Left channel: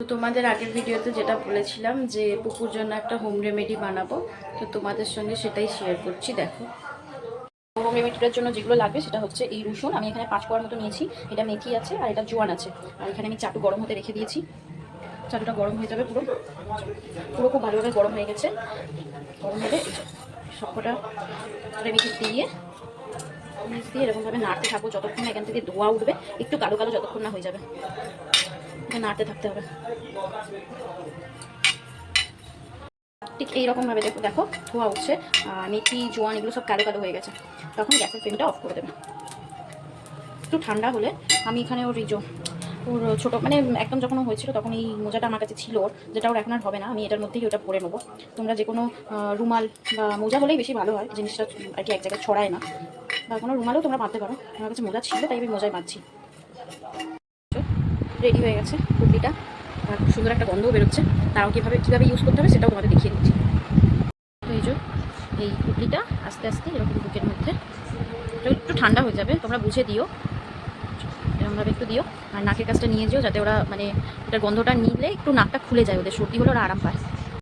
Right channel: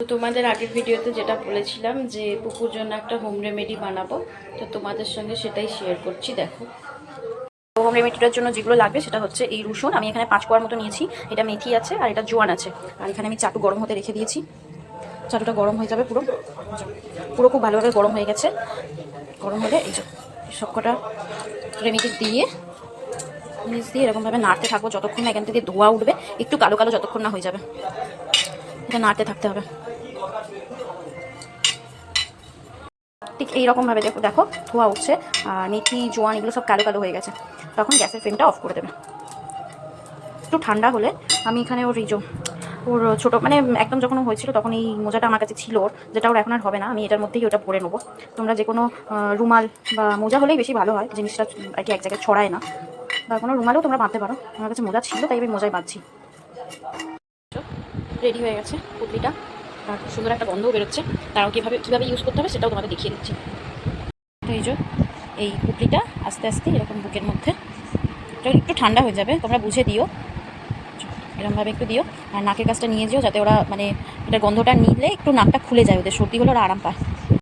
তো তোমাদের আগের ভিডিওতে যেটা বলেছিলাম যে পুকুর জন্য একটা হোম রেমেডি বানাবো, তো তোমাদের সঙ্গে সেটাই শেয়ার করছি। দেখো, হোম রেমেডিটার জন্য যেগুলো লাগবে সেটা হচ্ছে এই রসুন, আমি এখানে 5 কোয়ার মতো নিয়েছি। এটা মেথি আছে আর এটা জোয়ান আছে। আর এখানে আমি চাটু গরম হতে রেখে দিয়েছি। চাটুটা গরম হয়ে যাবে, পুরো পুরো খুব ভালোভাবে গরম হয়ে গেছে। গরম হলে এই সবকটা রেমেডি দিয়ে নিচ দিয়ে এরকমভাবে নাড়তে থাকবো যতক্ষণ না এখান থেকে ধোয়া উঠবে, একটু কালো কালো যতক্ষণ না হয়ে যাবে। এটা নাড়তে থাকতে হবে ঠিক এইরকমভাবে। দেখো দেখো ধোয়া উঠছে আর মেথি জোয়ান এগুলো সব কালো কালো হয়ে গেছে। তখন গ্যাসের ফ্লেমটা অফ করে দেবে। একটু ঠান্ডা হলে আমি এখানে ওর ছোটো মানে একদম যখন হয়েছিল তখন এই মোজাটা আমার কাছে ছিল ওর, যেটা ওর এখন আর হবে না। আমি এটার মধ্যেই ওটা পরে নেবো। তোমরা যে কোনো রুমাল বা মোজা হলেই বেশি ভালো হয়, জিনিসটা আর কি এক জায়গায় ছড়ায় না। বা কোনো রুমালেও তোমরা বাঁধতে পারো। আমার কাছে মোজা ছিল তাই আমি মোজায় বাঁধছি। রেডি হয়ে গেছে পুটলিটা আর খুব সুন্দর একটা গন্ধও বেরোচ্ছে। তারাও কীভাবে ইউজ করতে হবে সেটাও তোমাদের দেখিয়ে দিচ্ছি। তো এই পুটলিটা আস্তে আস্তে এরকম বুকের মধ্যে যখন একটু ঠান্ডা হয়ে যাবে তোমরা বুঝে দিও, এরকমভাবে একটু দিও। আর নাকের কাছটা নিয়ে যেও যাতে ওরা মানে এটার গন্ধটা নিলে একটু নাকটা খুলে যায়, ওদের সর্দি হলে ওরা আরাম পায়।